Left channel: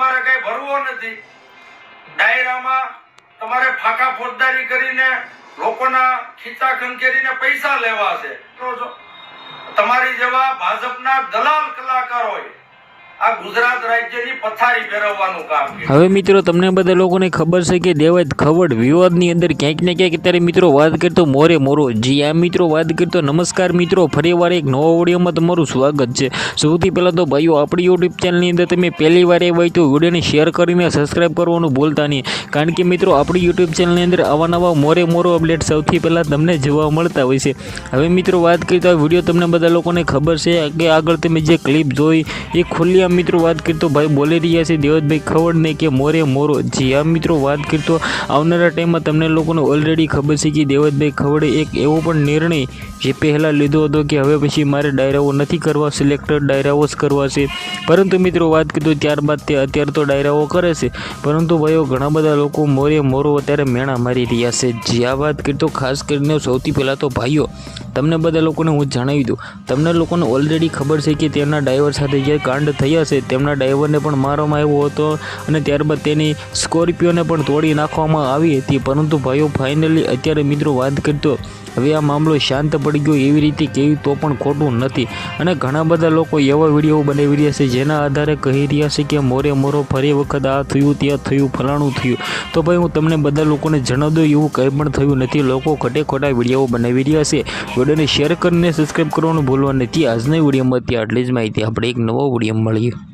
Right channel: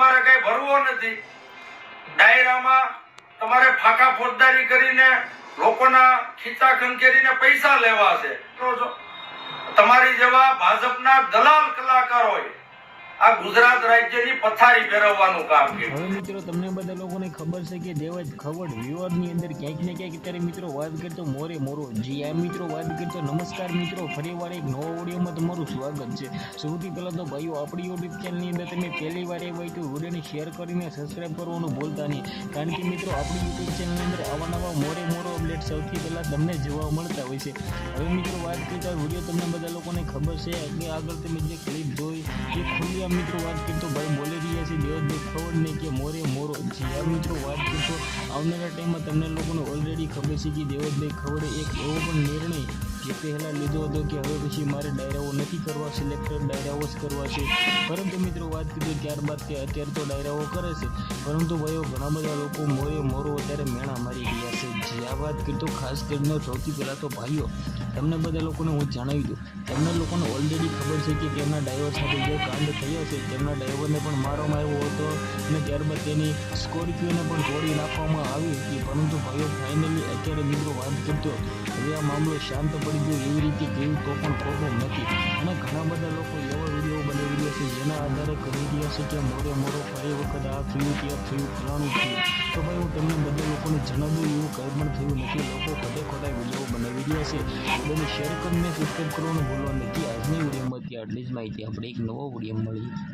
તમારે કઈ ભરવો નથી. ડાયરામાં તમારે ફાંકા ફોજદારી કરીને લોકોના ખીચા ખંખેરીને પૈસા લેવા છે. તમારી જેવા ભાજપના દલાલ કલાકારોએ આ ગુજરાત રાજ્યની પથારી ફેરવવાનું કામ હવે મિત્રો, તમને બધા લોકોને ખબર છે કે દેવાય ખવડ વિવાદની અંદર ક્યાંક ને ક્યાંક અત્યારે મિત્રો વાત કરતો મોરે મોરો. જી આ મિત્રો, વાત કરતો નમસ્કાર મિત્રો. ફરીવાર એક નવો ઓડિયોમાં તમારું સ્વાગત છે. સૌથી પહેલાં તો ભાઈઓ, આપણી યુટ્યુબ ચેનલની અંદર તમે પહેલી વાર એ હોય તો વિડીયોને શેર કરીને સબસ્ક્રાઈબ કરવાનું ભૂલતા નહીં. કારણ કે મિત્રો, આપણી યુટ્યુબ ચેનલની અંદર આવા નવા મોરે મોરો અપડેટ સૌથી પહેલાં તમને જોવા મળતા હોય છે. હવે મિત્રો, વાત કરતા તો આ વીડિયો તમને બધા લોકોને ખબર છે કે આગળ તમે જે ક્લિપ જોઈ, એ ખુલ્લી આમ મિત્રો, વાત કરતો ભાઈ બોલી રહ્યા છે દેવતભાઈ. ખવડને કે મોરે મોરો જી. આ મિત્રો, વાત કરતો આવનારા ટાઈમમાં તમને લોકોને ઓલરેડી ખબર છે કે દેવતભાઈ ખવડે એક એવો પણ નિર્ણય જે પહેલાં લીધો હતો કે હવે પછી મારે ડાયરાઓ નથી કરવા સિલેક્ટેડ ડાયરાઓ જ કરવા છે. પરંતુ મિત્રો, વાત કીધું ત્યારબાદ તે અત્યારે તો ડાયરાઓ કરે છે. પરંતુ ભાઈઓ, ઘણા બધા લોકો મોરે મોરો અત્યારે મેણા મારી રહ્યા છે. જે, આ વાત કરતો ખાસ કરીને સૌથી પહેલાં તો ભાઈઓ, તમને બધા લોકોને હું જણાવી દઉં. તમને લોકોને ઓલરેડી ખબર છે કે તેમના ડ્રાઈવર સાથે જે કાંડ થયા છે તેમના ડ્રાઈવરને પણ મારવામાં આવ્યો હતો અને ત્યારબાદ તેની સ્કોર્પિયોને પણ તોડી નાખવામાં આવી હતી. પરંતુ ભાઈઓ ફાઇનલી અત્યારે મિત્રો વાત કરતો, હવે આ મામલો શાંત પડી ગયો એવી રીતે કેવી તો પણ ખોટું નથી. અને ઘણા બધા લોકો એવા વીડિયો બનાવી રહ્યા છે જેના આધારે કહી રહ્યા છે કે મોરે મોરો ફરી વખત આ થયું, ત્યાં થયું, ફલાણું થયું. તો ભાઈ હું તમને બધા લોકોને જણાવ દઉં, એવું કંઈ પણ થયું નથી. લોકો ખોટે ખોટા વીડિયો બનાવી રહ્યા છે. વિડીયોને શેર કરીને સબસ્ક્રાઈબ કરવાનું ભૂલવા નથી. આજના વિડીયોમાં ત્યાં આટલી જ માહિતી. આપણે એક નવો વીડિયો મળીએ.